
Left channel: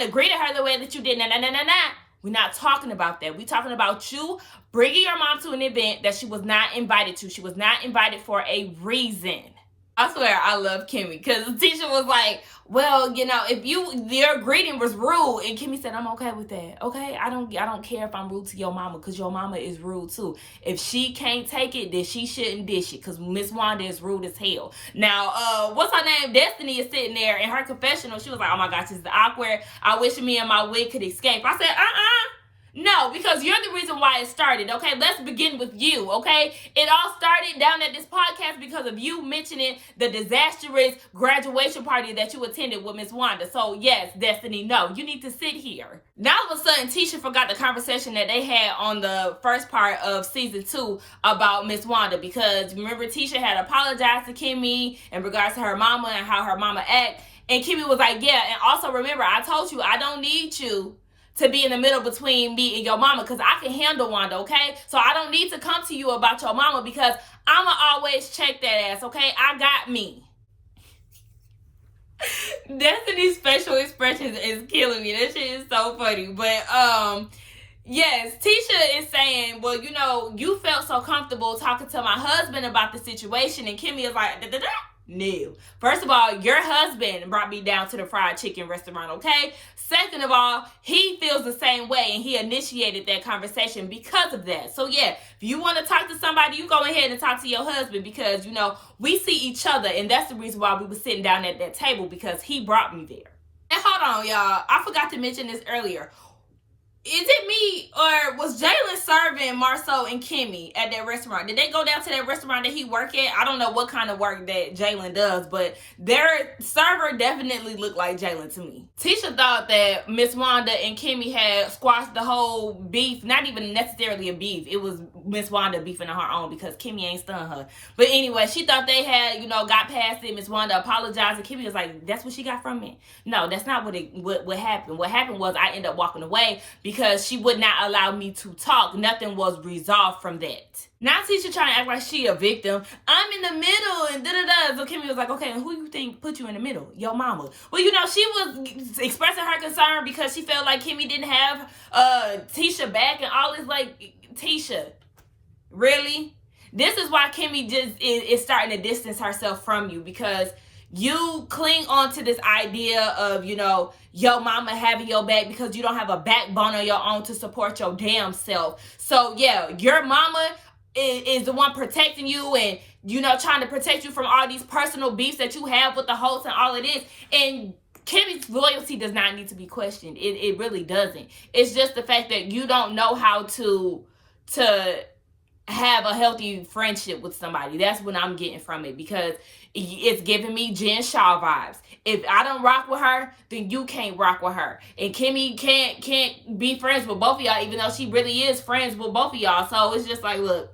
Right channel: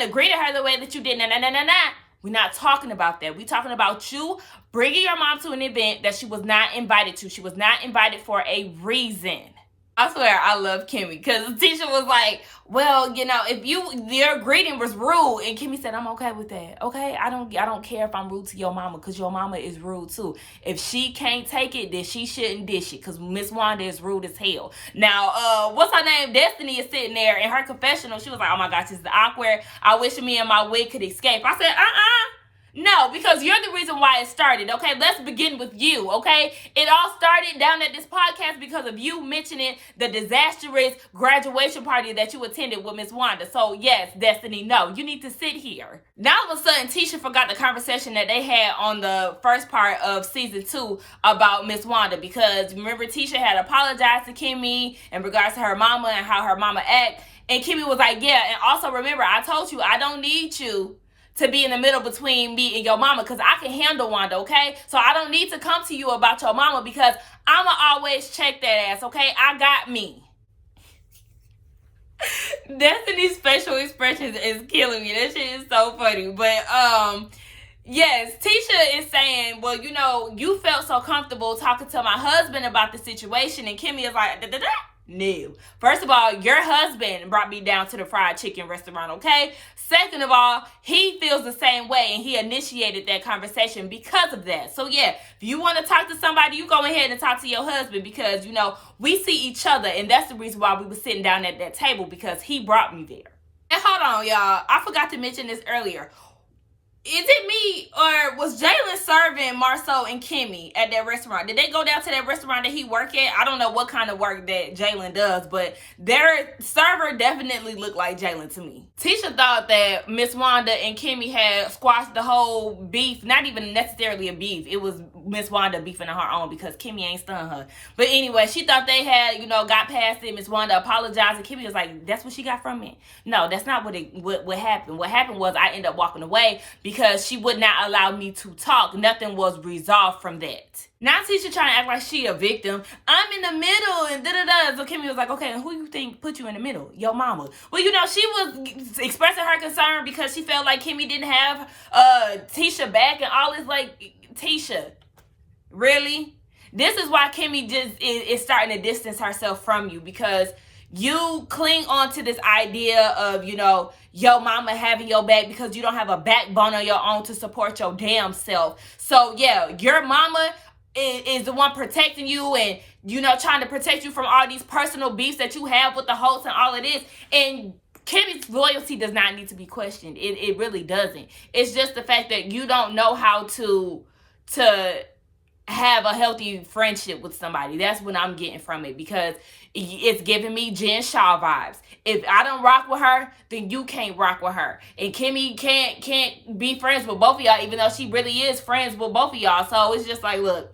have greeted her the way that you did, we're not talking about that. We're talking about you bringing your mom to an event that she was not invited to. She was not invited for a reason. I swear, I love Kimmy because Tisha was like, well, you know, if your greeting was rude, and Kimmy said, I'm okay with that. Okay, I don't care if I'm rude to your mama because your mama is rude too. If she can't take it, then she shouldn't dish it because Miss Wanda is rude as hell. Now, what's her name? Destiny is sitting there in her confessional. She was like, oh my gosh, this is awkward. I wish me and my wig could escape. I said, no, because you're the reason why it started, okay? Let's begin with you, okay? It all started down at this podcast because of you mentioning the disastrous graduation party that you attended with Miss Wanda. So, yes, Destiny, no, you need to sit here. Now, all of a sudden, Tisha forgot the conversation that they had on the first part of season 2 about Miss Wanda because, remember, Tisha had apologized to Kimmy in regards to her mama and how her mama act. And Kimmy was like, yeah, and also remember, I told you I don't need you to be in the middle between me and your mama because I can handle Wanda, okay? So I don't need to come to you about your mama because I'ma always check that ass, okay? I got me. Destiny's facial expressions is killing me. That shit is so funny. But, yes, Tisha is saying, well, you know, you felt so comfortable talking to my husband about the situation. And Kimmy is like, no. First of all, your husband brought me down to the fried chicken restaurant, okay? Second of all, he feels the same way and he initiated that conversation because of that. So yeah, if you want to talk to somebody, you go ahead and talk to your husband because, you know, we see each other and that's the reason why we were sitting down at that table because he brought me there. And hold on, y'all. I forgot to mention this earlier. Is it me or was Jalen serving Marcel and Kimmy at that restaurant? Did they go down to that restaurant that he work at? I don't know what kind of work that Jalen does, but their server definitely looked like Jalen to me. Tisha thought that Miss Wanda and Kimmy had squashed the whole beef. Not even necessarily a beef. It was Miss Wanda beefing on her own because Kimmy ain't stunned her. But anyway, she thought they had, you know, got past it. Miss Wanda apologized and Kimmy was like, that's what she got from me. No, that's not what happened. What happened was I ended up walking away because she would not allow me to talk. Nothing was resolved from that. Now Tisha trying to act like she a victim. I'm in the middle and da-da-da. So Kimmy was like, okay, who you think put you in the middle? Your mama. Well, you know, she was expressing her concern because she felt like Kimmy didn't have Tisha back and all this. Like, Tisha, really? This is why Kimmy just is starting to distance herself from you because you cling on to this idea of, you know, your mama having your back because you don't have a backbone of your own to support your damn self. So, yeah, your mama is the one protecting you and, you know, trying to protect you from all these personal beefs that you have with the host and all of this. And Kimmy's loyalty does not need to be questioned. It really doesn't. It's just the fact that you don't know how to have a healthy friendship with somebody. That's what I'm getting from it because it's giving me Jen Shaw vibes. If I don't rock with her, then you can't rock with her. And Kimmy can't be friends with both of y'all, even though she really is friends with both of y'all. So it's just like, look,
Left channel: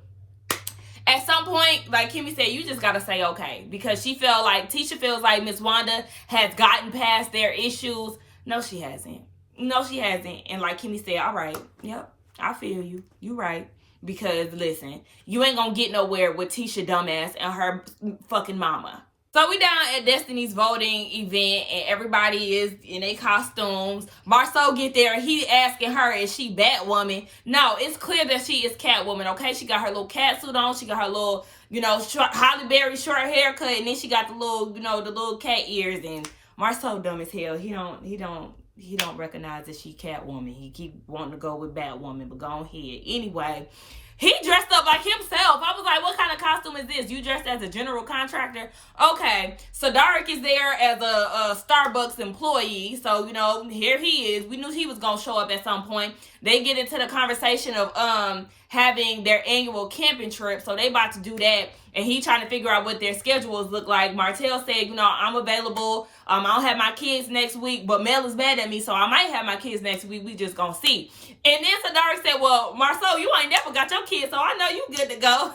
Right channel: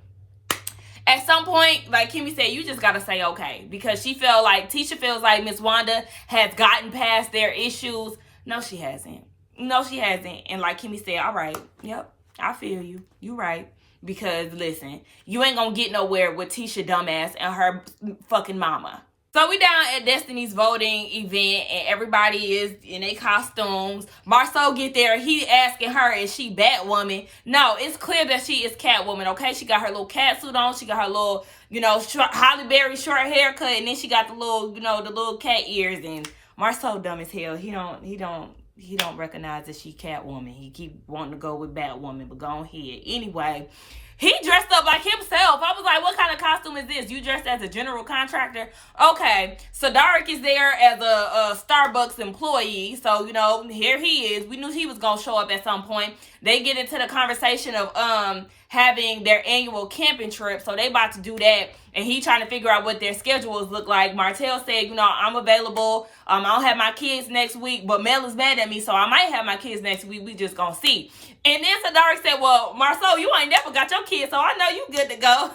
at some point, like Kimmy said, you just got to say okay. Because Tisha feels like Miss Wanda has gotten past their issues. No, she hasn't. No, she hasn't. And like Kimmy said, all right, yep, I feel you. You right. Because, listen, you ain't gonna get nowhere with Tisha dumbass and her fucking mama. So we down at Destiny's voting event and everybody is in their costumes. Marcel get there. He asking her, is she Batwoman? No, it's clear that she is Catwoman, okay? She got her little cat suit on. She got her little, you know, Halle Berry short haircut. And then she got the little, you know, the little cat ears. And Marcel dumb as hell. He don't he don't recognize that she Catwoman. He keep wanting to go with Batwoman, but go ahead. Anyway, he dressed up like himself. I was like, what kind of costume is this? You dressed as a general contractor? Okay. So Derek is there as a Starbucks employee. So, you know, here he is. We knew he was going to show up at some point. They get into the conversation of having their annual camping trip. So they about to do that. And he trying to figure out what their schedules look like. Martel said, you know, I'm available. I don't have my kids next week, but Mel is mad at me, so I might have my kids next week. We just gonna see. And then Sadari said, well, Marcel, you ain't never got your kids, so I know you good to go.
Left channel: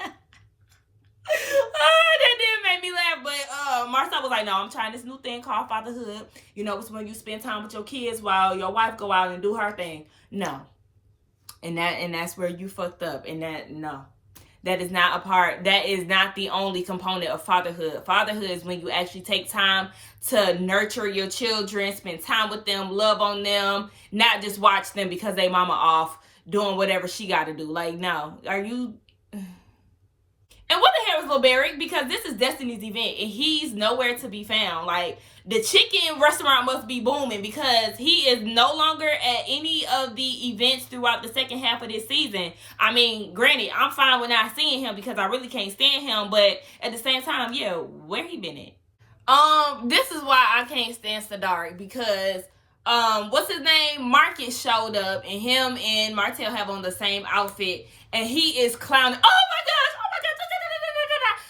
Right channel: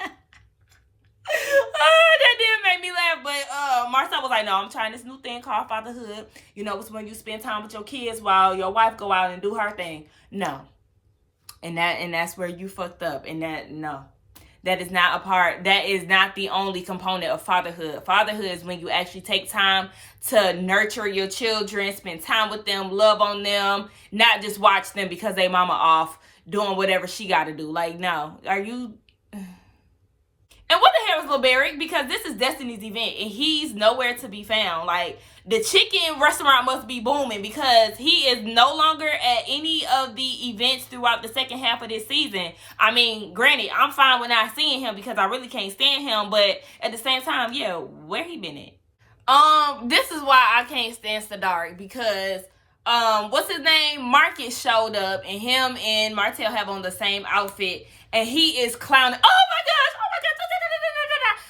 That didn't make me laugh, but Marcel was like, no, I'm trying this new thing called fatherhood. You know, it's when you spend time with your kids while your wife go out and do her thing. No. And that's where you fucked up. And that is not a part, that is not the only component of fatherhood. Fatherhood is when you actually take time to nurture your children, spend time with them, love on them, not just watch them because they mama off doing whatever she got to do. Like, no, are you... And what the hell is Lil Barrick? Because this is Destiny's event and he's nowhere to be found. Like, the chicken restaurant must be booming because he is no longer at any of the events throughout the second half of this season. I mean, granted, I'm fine with not seeing him because I really can't stand him. But at the same time, yeah, where he been at? This is why I can't stand Sadari because, what's his name? Marcus showed up and him and Martel have on the same outfit and he is clowning. Oh my gosh,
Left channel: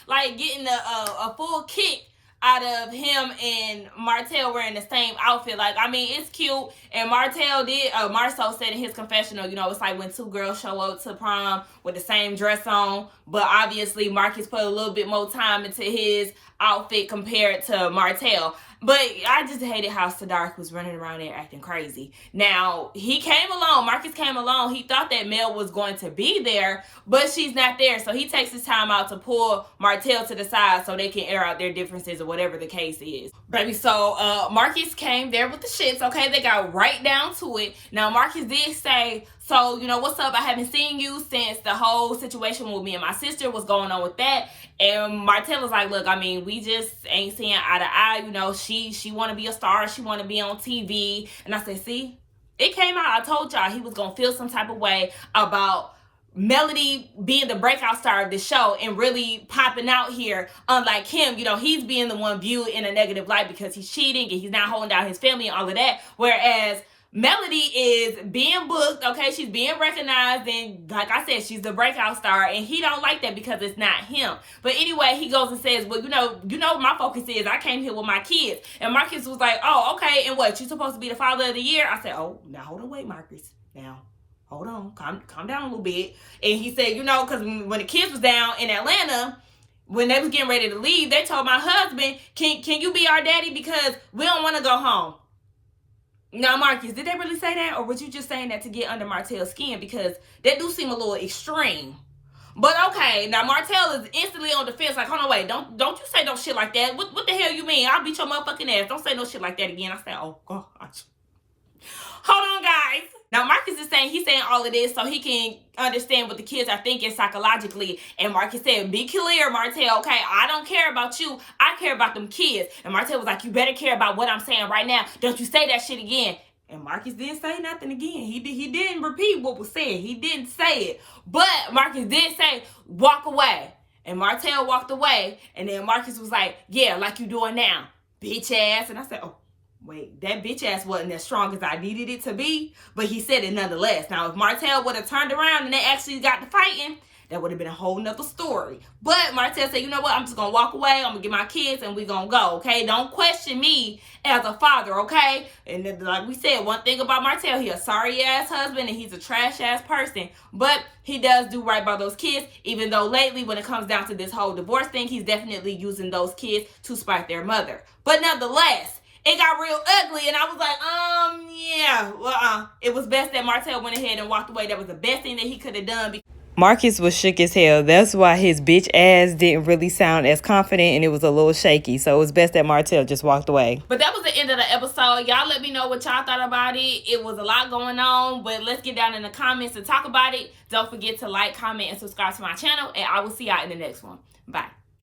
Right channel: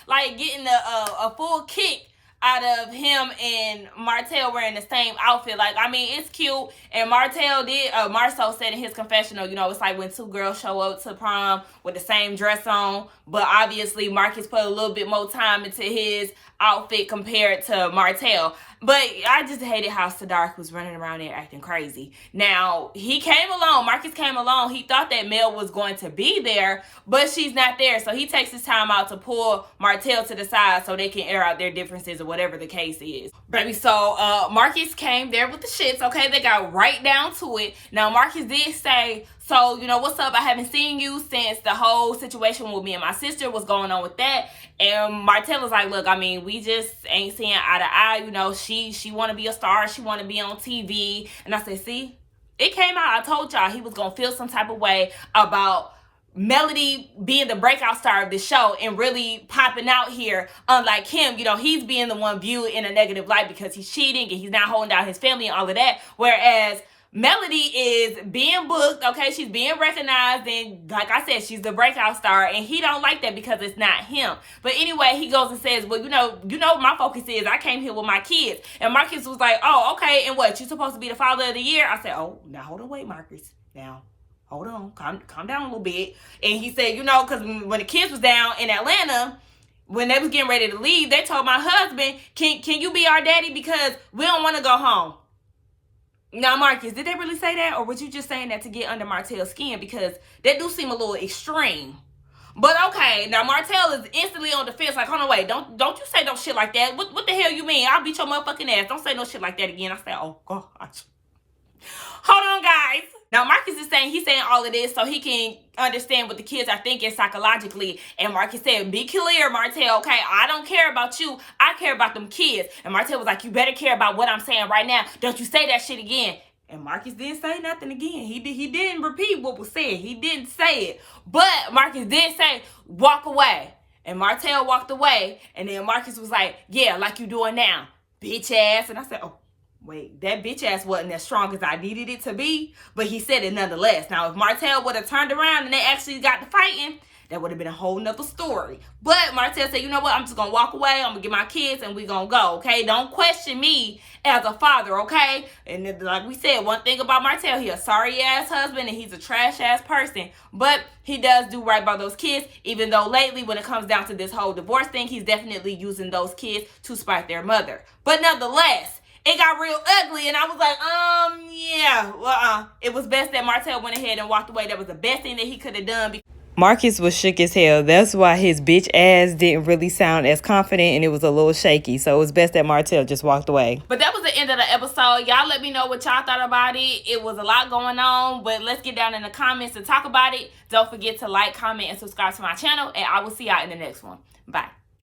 like getting a full kick out of him and Martel wearing the same outfit. Like, I mean, it's cute. And Marcel said in his confessional, you know, it's like when two girls show up to prom with the same dress on. But obviously, Marcus put a little bit more time into his outfit compared to Martel. But I just hated how Sadark was running around there acting crazy. Now, he came along. Marcus came along. He thought that Mel was going to be there, but she's not there. So he takes his time out to pull Martel to the side so they can air out their differences or whatever the case is. Baby, so Marcus came there with the shits, okay? They got right down to it. Now, Marcus did say, so, you know, what's up? I haven't seen you since the whole situation with me and my sister was going on with that. And Martel was like, look, I mean, we just ain't seeing eye to eye. You know, she want to be a star. She want to be on TV. And I said, see, it came out. I told y'all he was going to feel some type of way about Melody being the breakout star of the show and really popping out here. Unlike him, you know, he's being the one viewed in a negative light because he's cheating and he's not holding down his family and all of that. Whereas Melody is being booked, okay? She's being recognized, and like I said, she's the breakout star, and he don't like that because it's not him. But anyway, he goes and says, well, you know, my focus is I came here with my kids. And Marcus was like, oh, okay, and what? You're supposed to be the father of the year? I said, oh, now hold on, wait, Marcus. Now, hold on, calm down a little bit. And he said, you know, because when the kids was down in Atlanta, when they was getting ready to leave, they told my husband, can you be our daddy because we don't want to go home. Now, Marcus, did they really say that? Or was you just saying that to get under Martel's skin? Because that do seem a little extreme. But okay, now Martel is instantly on the fence. Like, hold on, wait, don't you say no shit like that. What the hell you mean? I'll beat your motherfucking ass. Don't say no shit like that again. I said, oh, gosh. Hold on, guys. Now, Marcus is saying, he's saying all of this so he can understand what the kids are thinking psychologically. And Marcus said, be clear, Martel, okay? I don't care about you. I care about them kids. And Martel was like, you better care about what I'm saying right now. Don't you say that shit again. And Marcus didn't say nothing again. He didn't repeat what was said. He didn't say it. But Marcus did say, walk away. And Martel walked away. And then Marcus was like, yeah, like you doing now, bitch ass. And I said, oh. Wait, that bitch ass wasn't as strong as I needed it to be, but he said it nonetheless. Now, if Martel would have turned around and they actually got to fighting, that would have been a whole nother story. But Martel said, you know what? I'm just going to walk away. I'm going to get my kids and we going to go, okay? Don't question me as a father, okay? And then, like we said, one thing about Martel, he a sorry-ass husband and he's a trash-ass person. But he does do right by those kids, even though lately, when it comes down to this whole divorce thing, he's definitely using those kids to spite their mother. But nonetheless, it got real ugly, and I was like, yeah, it was best that Martel went ahead and walked away. That was the best thing that he could have done. Marcus was shook as hell. That's why his bitch ass didn't really sound as confident, and it was a little shaky. So it was best that Martel just walked away. But that was the end of the episode. Y'all let me know what y'all thought about it. It was a lot going on, but let's get down in the comments and talk about it. Don't forget to like, comment, and subscribe to my channel, and I will see y'all in the next one. Bye.